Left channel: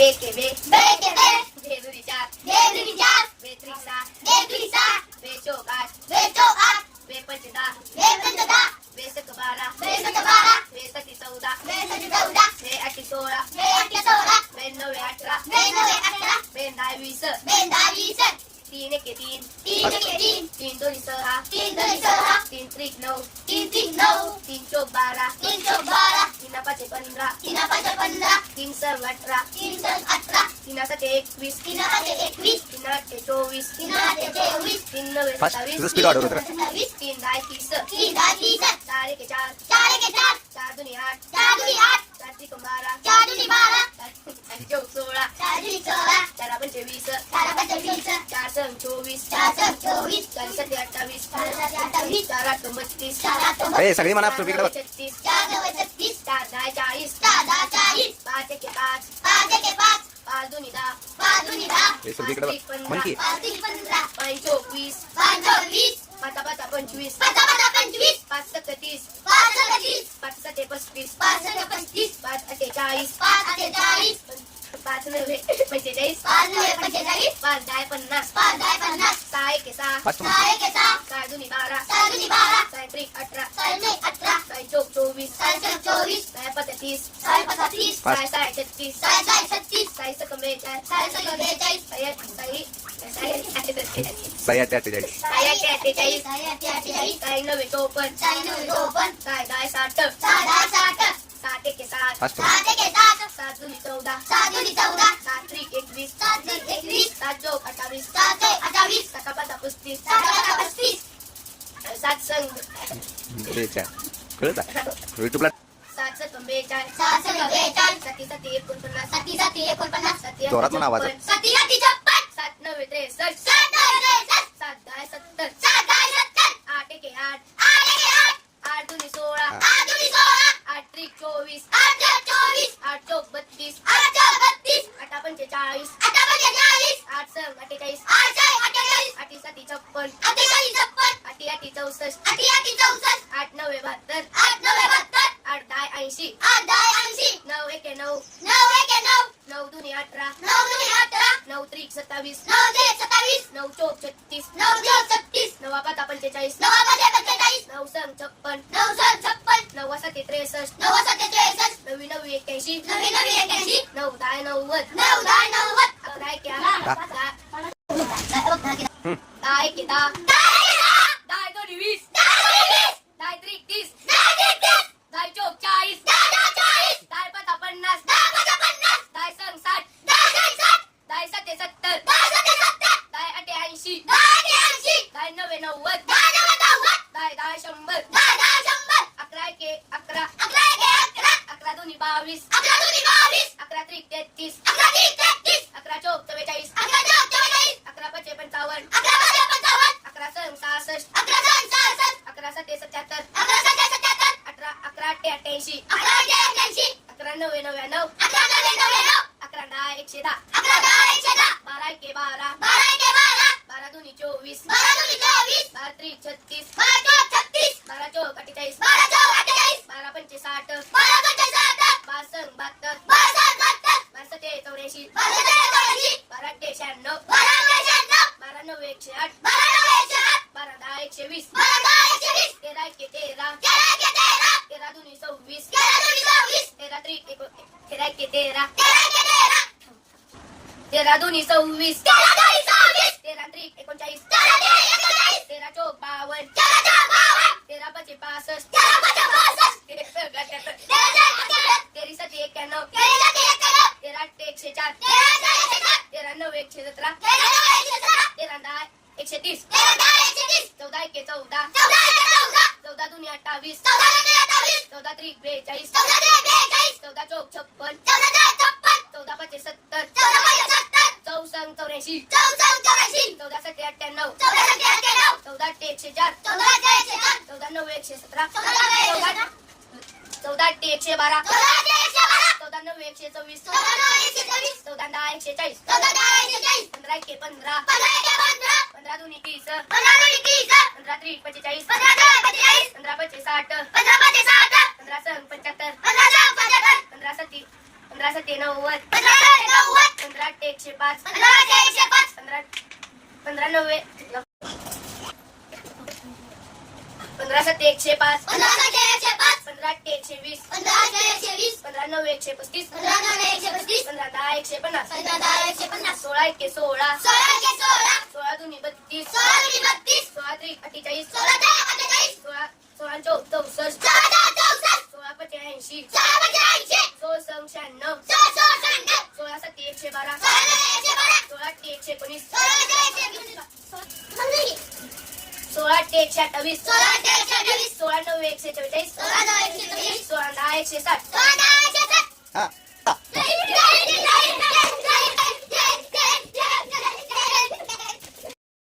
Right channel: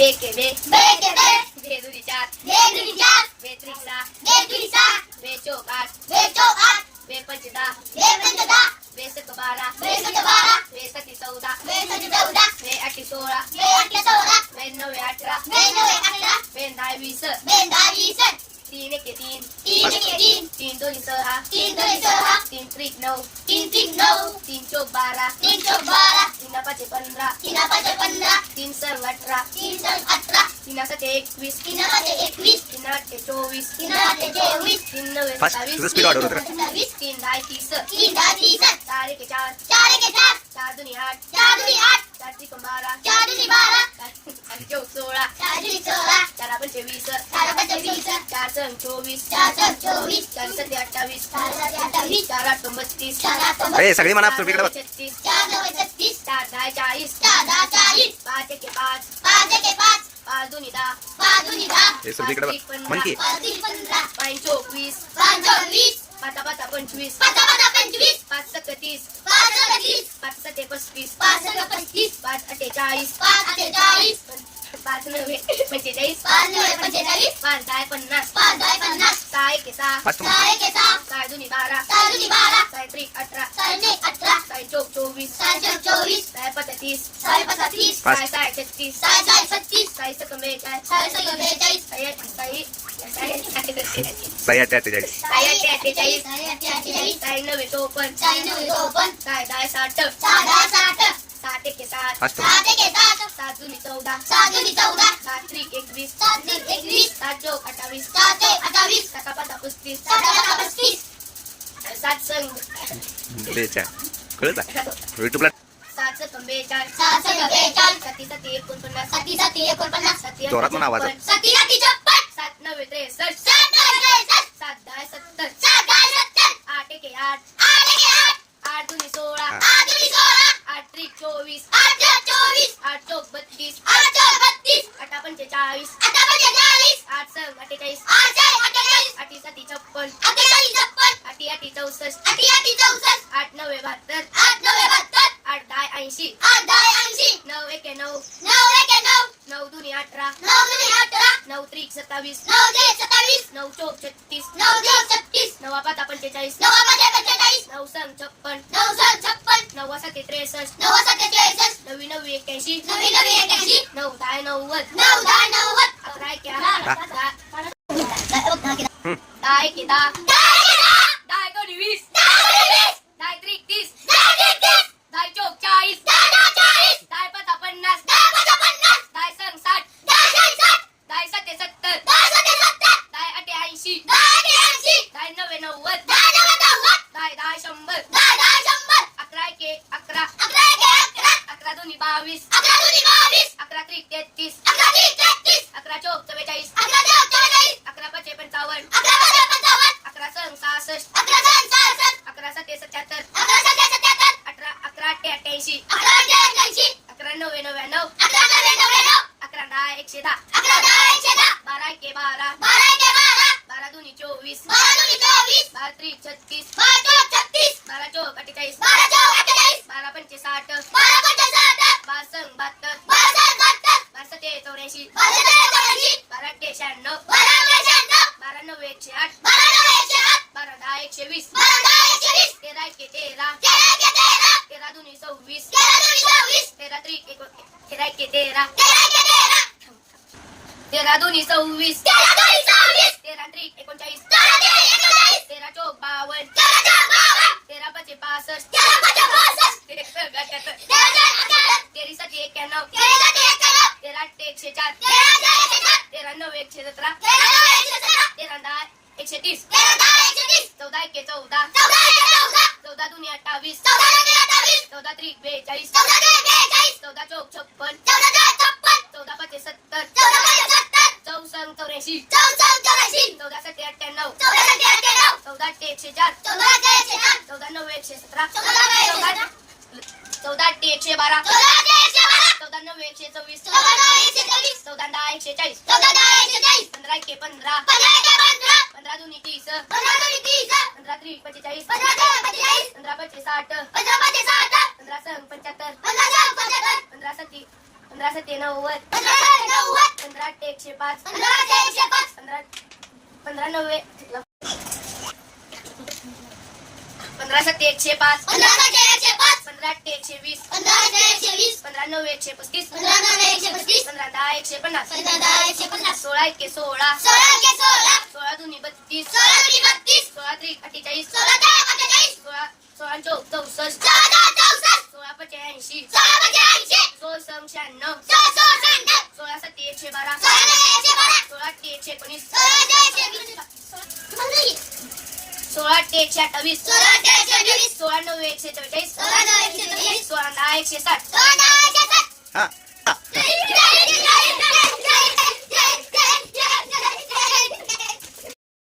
बे के बे बे के बे बे दुनी चार बे दुनी चार बे त्रिक सहा बे दुनी सहा बे चौक आठ बे चौक आठ बे पंच दहा बे पंच दहा बे सत बारा बे सत बारा बे सती चौदा बे सत चौदा बे आठी सोळा बे आठ सोळा बे नवे अठरा बे नवे अठरा बे दहा वीस बे दहा वीस तीन एके तीन. तीन एके तीन. तीन दोन्ही सहा तीन दोन्ही सहा तीन त्रिक नऊ तीन तीन नऊ. तीन चौक बारा तीन चौक बारा. तीन पाचे पंधरा तीन पाच पंधरा. तीन सर अठरा तीन सण अठरा. तीन सते एकवीस तीन पाच एकवीस. तीन आठे चोवीस तीन आठ चोवीस. तीन नवे फास्ट तुझं सत्तावीस तीन दहा तीस. तीन दहा तीस. चार एके चार. चार एके चार. चार दोन्ही आठ. चार दुनी आठ. चार त्रिक बारा. चार दुनी बारा. चार चौक सोळा चार दुनी सोळा. चार पंचे वीस चार पाच वीस चोवीस. चार चोवीस. चार सते अठ्ठावीस. चार सात अठ्ठावीस. चार आठ बत्तीस. चार आठ ए सगळी म्हणा तू इकडे बघ. छत्तीस. चार नऊ छत्तीस. चार दहा चाळीस. चार दहा चाळीस. पाच एके पाच. पाच एके पाच. पाच दोन्ही दहा. पाच दुनी दहा. ए सगळी इकडे बघ. म्हण की. पाच दुनी पंधरा पाच चोवीस. पाच पाच पंचवीस. पाच पाच पंचवीस. पाच सत्तीस पाच सत्तीस पाच सते पस्तीस. पाच सहा पस्तीस. पाच अठ्ठेचाळीस. पाच अठ्ठेचाळीस. पाच नव्हे पंचेचाळीस पाच नव्हे पंचेचाळीस पाच दहा पन्नास पाच दहा पन्नास सहा एके सहा म्हण. सहा एके सहा सहा दोन्ही बारा. चार दुनी बारा. सहा त्रिक अठरा. साडे अठरा. सहा चौक चोवीस. सहा चौक चोवीस. सहा पस्तीस. सहा पाच तीस पाच. सहा सहा छत्तीस. सहा सहा छत्तीस. सहा सकम बेचाळीस सहा सहा बेचाळीस सहा साई सही आठ अठ्ठेचाळीस. सहा आठशे अठ्ठेचाळीस. साडे आठशे अठ्ठेचाळीस. सहा नव्वे चौपन्न. सहा नऊ चोपन्न. सहा दहा साठ. सहा दहा साठ. एके सात. फास्ट सात एके सात. सात चौदा. सात दुनी चौदा. सात त्रिक एकवीस. सात एकवीस. सात चौक अठ्ठावीस. सात ते अठ्ठावीस. सहा पाच पस्तीस. सात पस्तीस. सात संघ. बेचाळ कळत आहे? युट्यूबला सात सकम बेचाळीस सात सहा बेचाळीस सती सती एकोणपन्नास. सती सती एकोणपन्नास. सती जोरात म्हणा आवाज. सती सती छप्पन सात नव्वे त्रेसष्ट सात दहा सत्तर सात दहा सत्तर आठ एके आठ आठ एके आठ आठ दोन्ही सोळा आठ दुनी सोळा आठ त्रिक चोवीस आठ चोवीस आठ चौक बत्तीस आठ चौक बत्तीस आठा पंचेचाळीस अठरा पंचेचाळीस आठ सहा अठ्ठेचाळीस आठ चार अठ्ठेचाळीस आठी साती छप्पन अठ्ठेचाळीस छप्पन आठी आठी चौसष्ट आठी आठी चौसष्ट आठ नव्वे बहात्तर आठ नव्वे बहात्तर आठ दहा ऐंशी आठ दहा ऐंशी नऊ एके नऊ नऊ एके नऊ नऊ दुनी अठरा नऊ दुनी अठरा नऊ त्रिक सत्तावीस नऊ ते सत्तावीस नऊ चौक छत्तीस नऊ चौक छत्तीस नवा पाता पंचेचाळीस नवा पाता पंचेचाळीस नऊ संग छप्पन नऊ सहा छप्पन सत्ते त्रेसष्ट. नऊ सत्ते त्रेसष्ट. नवी नवी एक्क्याऐंशी. नवी नवी एक्याऐंशी नऊ दहा नव्वद. नऊ दहा नव्वद. अकरा एके दहा. एके दहा दहा एकोणी वीस त्रिक तीस चौक चाळीस पाता पन्नास दहा साठ दहा सत्ते सत्तर दहा नव्वे नव्वद नव्वे नव्वद दहा दहा शंभर अकरा एके अकरा अकरा एके अकरा अकरा दोन्ही बावीस अकरा दुनी बावीस अकरा त्रिक तेहतीस. अकरा तीस तेहतीस. अकरा चौक चव्वेचाळीस. अकरा चौक चव्वेचाळीस. अकरा पाचे पंचावन्न. अकरा पाच पंचावन्न. अकरा संग सहासष्ट. अकरा सहा सहासष्ट. अकरा सत्ते सत्याहत्तर. अकरा सत्ते सत्याहत्तर. अठरा अकरा अठ्ठे अठ्ठ्याऐंशी. अकरा अठ्ठे अकरा नव्वे नव्याण्णव. अकरा नव्वे नऊ अकरा दहा एकशे दहा. अकरा दहा एकशे दहा. बारा एके बारा. बारा एके बारा. बारा दोन्ही चोवीस. बारा दुनी चोवीस. बारा त्रिक छत्तीस. बारा चौक छत्तीस. बारा चौक अठ्ठेचाळीस. बारा चौक अठ्ठेचाळीस. बारा पंचे साठ बारा पंचे साठ संग बहात्तर. चौऱ्याऐंशी बारा अठ्ठे शहाण्णव बारा एकशे आठ. बारा एकशे दहा एकशे वीस. दहा एकशे तेरा तेरा तेरा. तेरा तेरा दोन्ही सव्वीस. तेरा तेरा तेरा एके तेरा तेरा तेरा तेरा दोन्ही सव्वीस तेरा तेरा त्रिक एकोणचाळीस. तेरा तेरा तेरा चौक तेरा बावन्न तेरा पाचे पासष्ट एकशे सतरा तेरा दहा एकशे तीस चौदा एके चौदा. चौदा दोन्ही अठ्ठावीस. चौदा त्रिक बेचाळीस. चौदा चौक छप्पन. चौदा ते छप्पन. चौदा पाचे सत्तर चौसंग चौऱ्याऐंशी. चौदा सत्ते अठ्ठ्याण्णव. चौदा ते एकशे चार चौदा नऊ एकशे सतरा. चौदा ते एकशे बारा. नऊ एकशे चोवीस चौदा एकशे चाळीस दहा एकशे पंधरा पंधरा. पंधरा पंधरा. पंधरा दोन्ही तीस. पंधरा पंधरा त्रिक पंचेचाळीस. पंधरा पंधरा पंचे साठ. पंधरा पंधरा संग पंच्याहत्तर. पंधरा पंधरा सत्ती पंधरा सत्ते नव्वद. पंधरा पंधरा अठ्ठे पंधरा एकशे पाच. पंधरा पंधरा नव्वे. पंधरा सत्ते एकशे पाच. पंधरा एकशे पाच. पंधरा अठ्ठे एकशे वीस. पंधरा एकशे वीस. पंधरा नव्वे एकशे पस्तीस. पंधरा नऊ एकशे पस्तीस. पंधरा दहा एकशे पन्नास. पंधरा दहा एकशे पन्नास. सोळा एके सोळा. सोळा ते सोळा. सोळा दोन्ही बत्तीस. सोळा दोन्ही बत्तीस. सोळा त्रिक अठ्ठेचाळीस. सोळा ते अठ्ठेचाळीस. सोळा सोळा चौसष्ट. सोळा चौसष्ट. सोळा पंच्याऐंशी. सोळा पंचे ऐंशी सोळ शहाण्णव सोळा शहाण्णव सोळा एकशे बारा. सोळा नऊ एकशे बारा. सोळा अठ्ठे एकशे एकोणीस. सोळा एकशे वीस सोळा अठ्ठे एकशे अठ्ठावीस. सोळा ते एकशे वीस सोळा नऊ एकशे चव्वेचाळीस. सोळा नऊ एकशे वीस सोळा दहा एकशे साठ. सोळा दहा एकशे साठ. हा.